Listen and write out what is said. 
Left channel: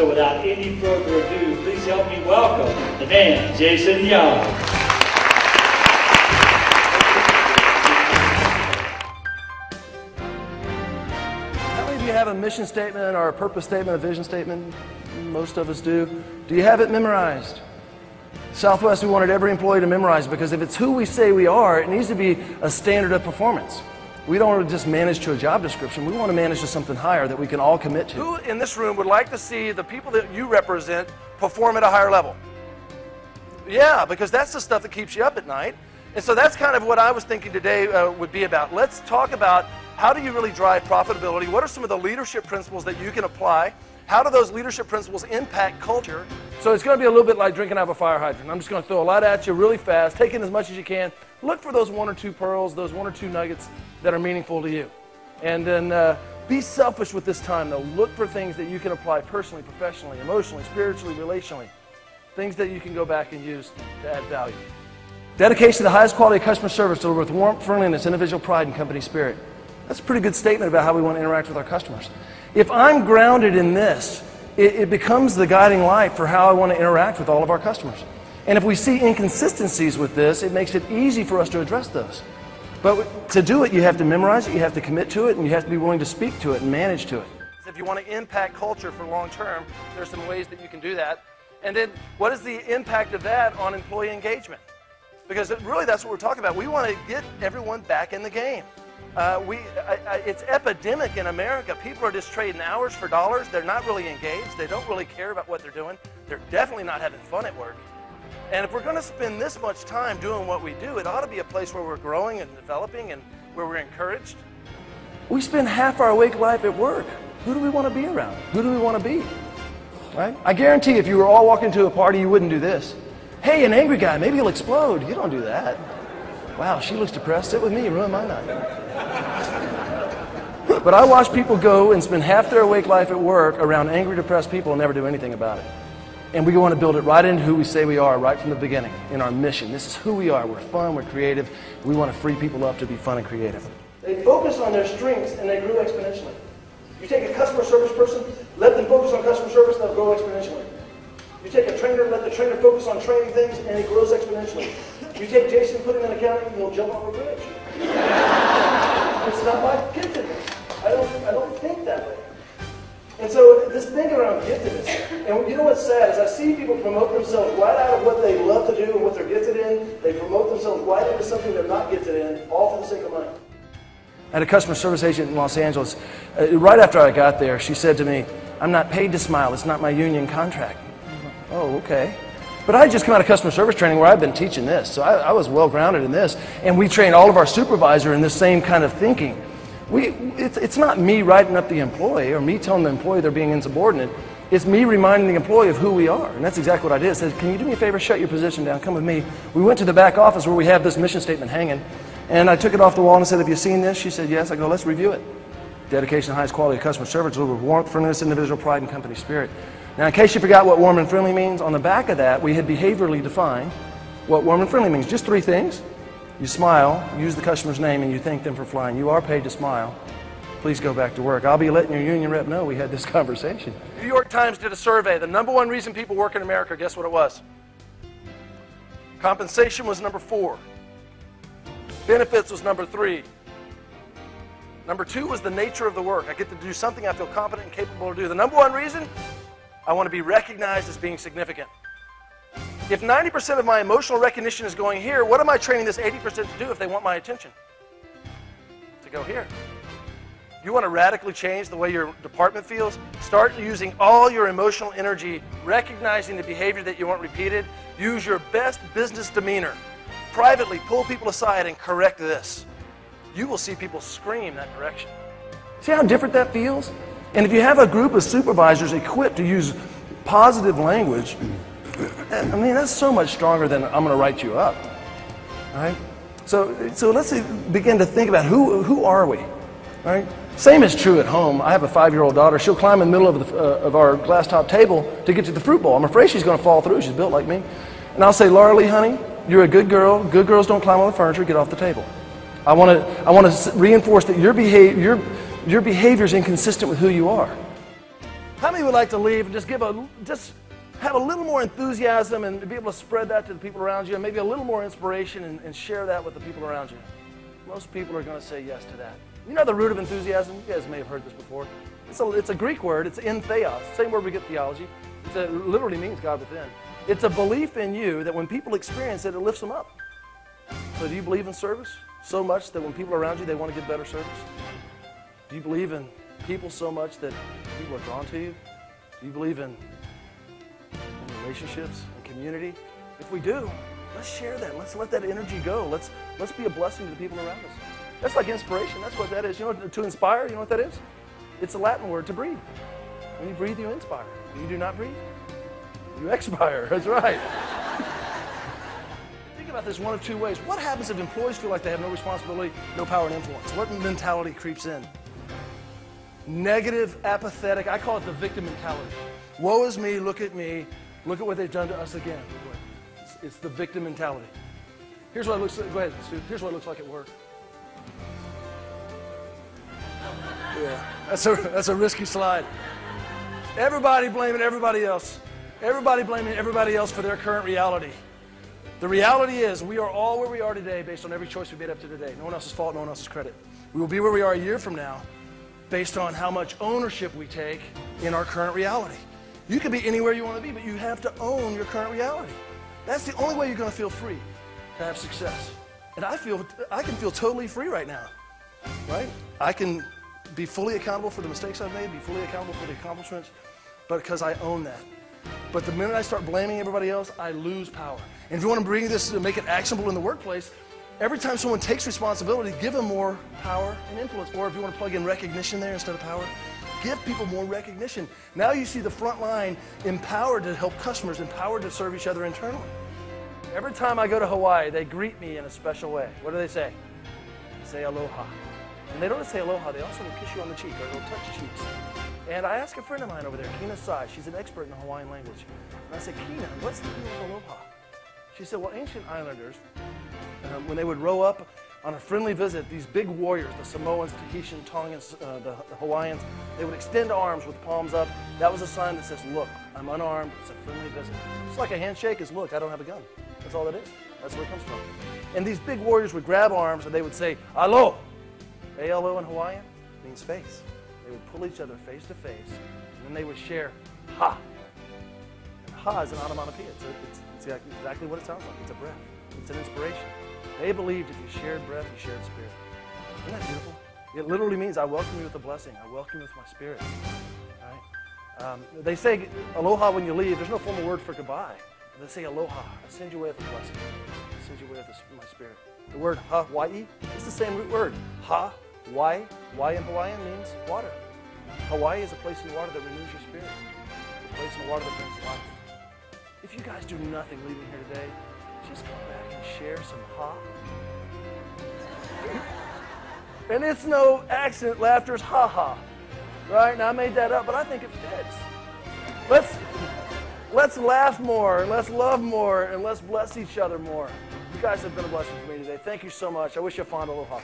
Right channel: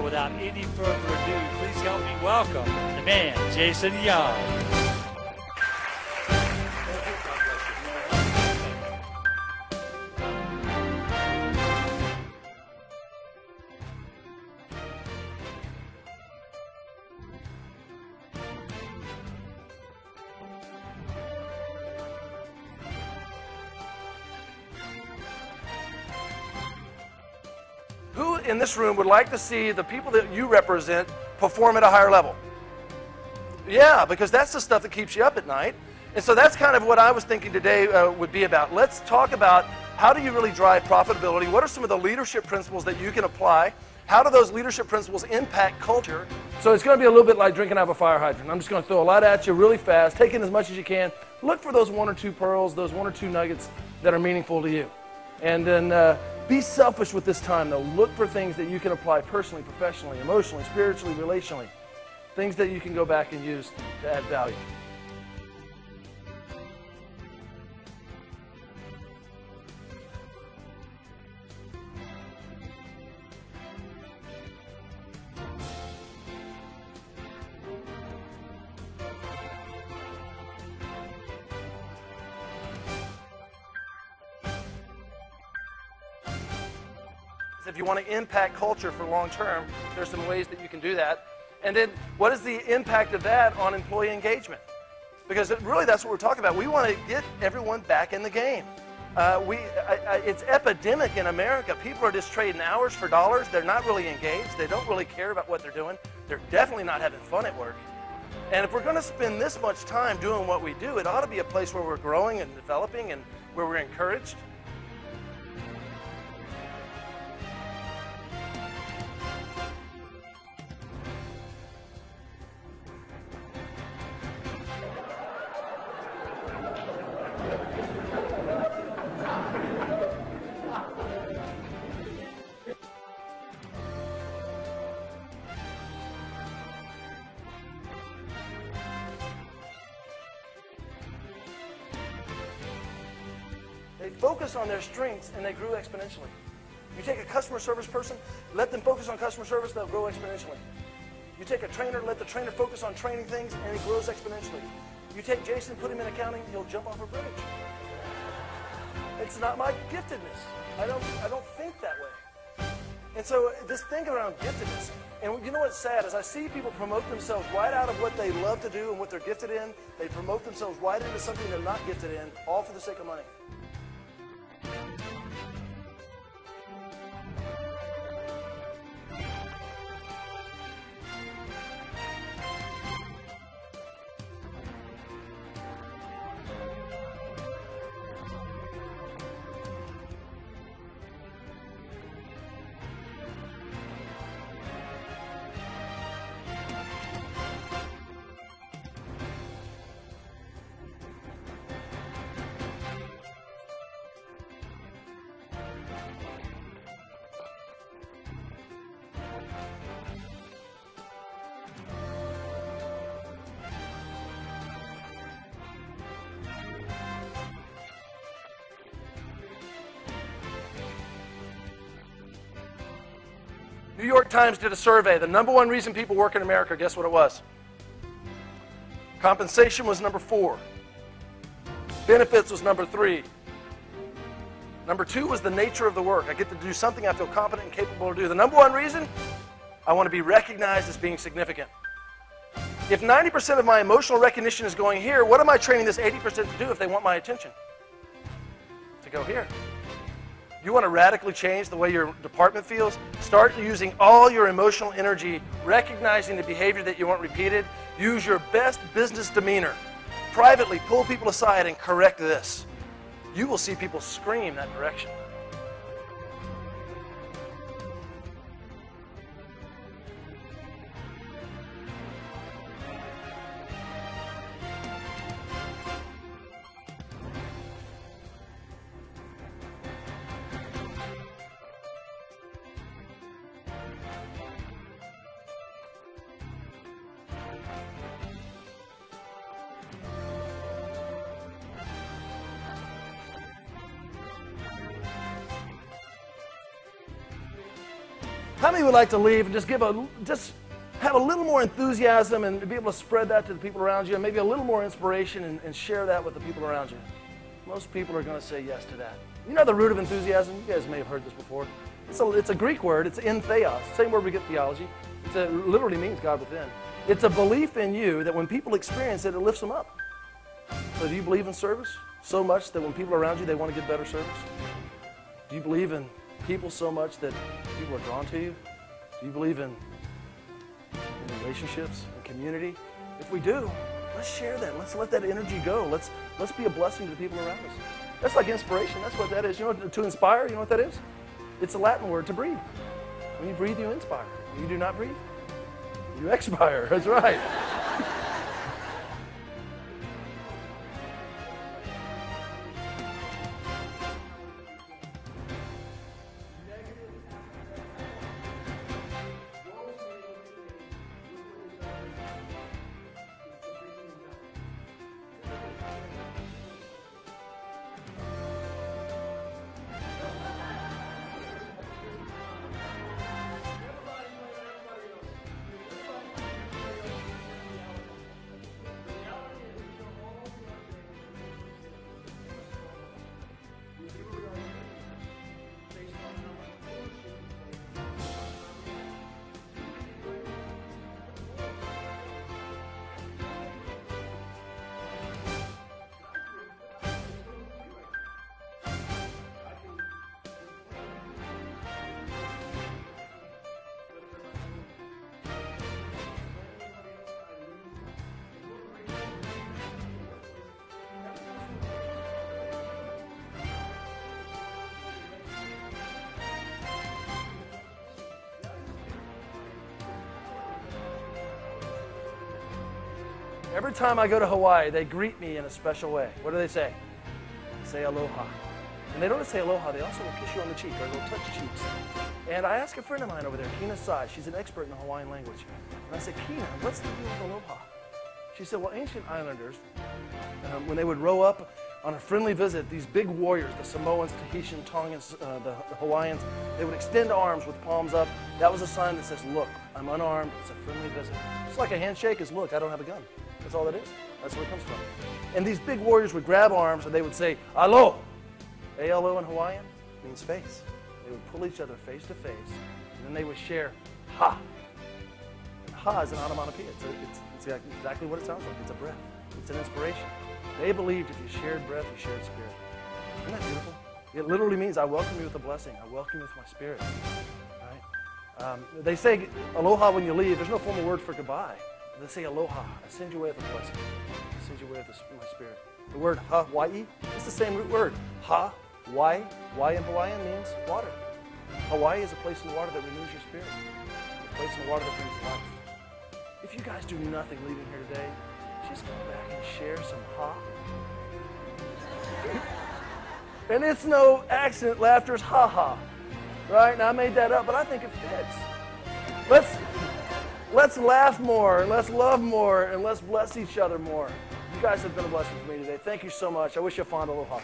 So without any further ado, please help me welcome the man, Jason Young. How many of you have a mission statement or a purpose statement, a vision statement? Most of us do. Do you have it memorized? Southwest, we wanted every employee to memorize it because if it's who we say we are, it needs to be a standard of performance. We don't want to just manage to a job description. We want to manage to something higher that we can all commit to. Who in this room would like to see the people that you represent perform at a higher level? Yeah, because that's the stuff that keeps you up at night. And so that's kind of what I was thinking today would be about. Let's talk about how do you really drive profitability? What are some of the leadership principles that you can apply? How do those leadership principles impact culture? So it's going to be a little bit like drinking out of a fire hydrant. I'm just going to throw a lot at you really fast, take in as much as you can. Look for those one or two pearls, those one or two nuggets that are meaningful to you. And then be selfish with this time, though. Look for things that you can apply personally, professionally, emotionally, spiritually, relationally. Things that you can go back and use to add value. Dedication to the highest quality of customer service delivered with warmth, friendliness, individual pride, and company spirit. That's a pretty good statement about how we want to interact with our customers. If I'm grounded in this, it becomes the guiding light for how I want to interact with all of our customers. And if we see inconsistencies with this, it makes it easy for us to address those. But to do it, you have to memorize it, you have to commit to it, and you have to be willing to speak to it and manage to it. If you want to impact culture for long term, there's some ways that you can do that. And then what is the impact of that on employee engagement? Because really that's what we're talking about. We want to get everyone back in the game. It's epidemic in America. People are just trading hours for dollars. They're not really engaged. They don't really care about what they're doing. They're definitely not having fun at work. And if we're going to spend this much time doing what we do, it ought to be a place where we're growing and developing and where we're encouraged. We spend half our awake life at work. Who do we want to be around? Who do we want to be? Right? I guarantee if you were all walking to a party, you wouldn't do this. Hey, an angry guy, maybe he'll explode. You don't do that. Wow, she looks depressed. Sit with me, ruin my night. But I watch people go and spend half their awake life at work around angry, depressed people and never do anything about it. And we want to build it right into who we say we are right from the beginning, in our mission. This is who we are. We're fun, we're creative. We want to free people up to be fun and creative. They focus on their strengths and they grow exponentially. You take a customer service person, let them focus on customer service, they'll grow exponentially. You take a trainer, let the trainer focus on training things, and it grows exponentially. You take Jason, put him in accounting, he'll jump off a bridge. It's not like giftedness. I don't think that way. And so this thing around giftedness, and you know what's sad is I see people promote themselves right out of what they love to do and what they're gifted in. They promote themselves right into something they're not gifted in, all for the sake of money. I had a customer service agent in Los Angeles. Right after I got there, she said to me, "I'm not paid to smile. It's not my union contract." Oh, okay. But I had just come out of customer service training where I've been teaching this, so I was well grounded in this. And we trained all of our supervisor in this same kind of thinking. It's not me writing up the employee or me telling the employee they're being insubordinate. It's me reminding the employee of who we are. And that's exactly what I did. I said, "Can you do me a favor, shut your position down, come with me." We went to the back office where we have this mission statement hanging. And I took it off the wall and said, "Have you seen this?" She said, "Yes." I go, "Let's review it." Dedication to the highest quality of customer service delivered with warmth, friendliness, individual pride, and company spirit. Now, in case you forgot what warm and friendly means, on the back of that, we had behaviorally defined what warm and friendly means. Just 3 things. You smile, use the customer's name, and you thank them for flying. You are paid to smile. Please go back to work. I'll be letting your union rep know we had this conversation. New York Times did a survey. The #1 reason people work in America, guess what it was? Compensation was number 4. Benefits was number 3. Number 2 was the nature of the work. I get to do something I feel competent and capable to do. The #1 reason, I want to be recognized as being significant. If 90% of my emotional recognition is going here, what am I training this 80% to do if they want my attention? To go here. You want to radically change the way your department feels? Start using all your emotional energy, recognizing the behavior that you want repeated. Use your best business demeanor. Privately, pull people aside and correct this. You will see people scream that direction. See how different that feels? And if you have a group of supervisors equipped to use positive language, I mean, that's so much stronger than "I'm going to write you up." All right? So let's begin to think about who are we? All right? Same is true at home. I have a 5-year-old daughter. She'll climb in the middle of our glass top table to get to the fruit bowl. I'm afraid she's going to fall through. She's built like me. And I'll say, "Laura Lee, honey, you're a good girl. Good girls don't climb on the furniture. Get off the table." I want to reinforce that your behavior is inconsistent with who you are. How many would like to leave and just have a little more enthusiasm and be able to spread that to the people around you, and maybe a little more inspiration and share that with the people around you? Most people are going to say yes to that. You know the root of enthusiasm? You guys may have heard this before. It's a Greek word. It's in theos. Same word we get theology. It literally means God within. It's a belief in you that when people experience it, it lifts them up. So do you believe in service so much that when people are around you, they want to get better service? Do you believe in people so much that people are drawn to you? Do you believe in relationships and community? If we do, let's share that. Let's let that energy go. Let's be a blessing to the people around us. That's like inspiration. That's what that is. You know, to inspire, you know what that is? It's a Latin word to breathe. When you breathe, you inspire. When you do not breathe, you expire. That's right. Think about this one of two ways. What happens if employees feel like they have no responsibility, no power and influence? What mentality creeps in? Negative, apathetic. I call it the victim mentality. Woe is me, look at what they've done to us again. It's the victim mentality. Here's what it looks like. Go ahead, Stu. Here's what it looks like at work. Yeah, that's a risky slide. Everybody blaming everybody else. Everybody blaming everybody else for their current reality. The reality is we are all where we are today based on every choice we made up to today. No one else's fault, no one else's credit. We will be where we are a year from now based on how much ownership we take in our current reality. You could be anywhere you want to be, but you have to own your current reality. That's the only way you're going to feel free, to have success. And I can feel totally free right now, right? I can be fully accountable for the mistakes I've made, be fully accountable for the accomplishments, but because I own that. But the minute I start blaming everybody else, I lose power. And if you want to bring this to make it actionable in the workplace, every time someone takes responsibility, give them more power and influence. Or if you want to plug in recognition there instead of power, give people more recognition. Now you see the front line empowered to help customers, empowered to serve each other internally. Every time I go to Hawaii, they greet me in a special way. What do they say? They say aloha. And they don't just say aloha, they also will kiss you on the cheek, or they'll touch cheeks. And I asked a friend of mine over there, Kina Sai, she's an expert in the Hawaiian language. And I said, Kina, what's the deal with aloha? She said, well, ancient islanders, when they would row up on a friendly visit, these big warriors, the Samoans, Tahitian, Tongans, the Hawaiians, they would extend arms with palms up. That was a sign that says, look, I'm unarmed, it's a friendly visit. It's like a handshake is, look, I don't have a gun. That's all that is. That's where it comes from. And these big warriors would grab arms and they would say, alo. A-L-O in Hawaiian means face. They would pull each other face to face, and then they would share ha. And ha is an onomatopoeia. It's exactly what it sounds like. It's a breath. It's an inspiration. They believed if you shared breath, you shared spirit. Isn't that beautiful? It literally means I welcome you with a blessing. I welcome you with my spirit. Right? They say aloha when you leave. There's no formal word for goodbye. They say aloha. I send you away with a blessing. I send you away with my spirit. The word Hawaii is the same root word. Ha. Why? Why in Hawaiian means water. Hawaii is a place in the water that renews your spirit. It's a place in the water that brings life. If you guys do nothing leaving here today, just go back and share some ha. And it's no accident, laughter's ha-ha. Right? Now I made that up, but I think it fits. Let's laugh more, and let's love more, and let's bless each other more. You guys have been a blessing for me today. Thank you so much. I wish you a fond aloha.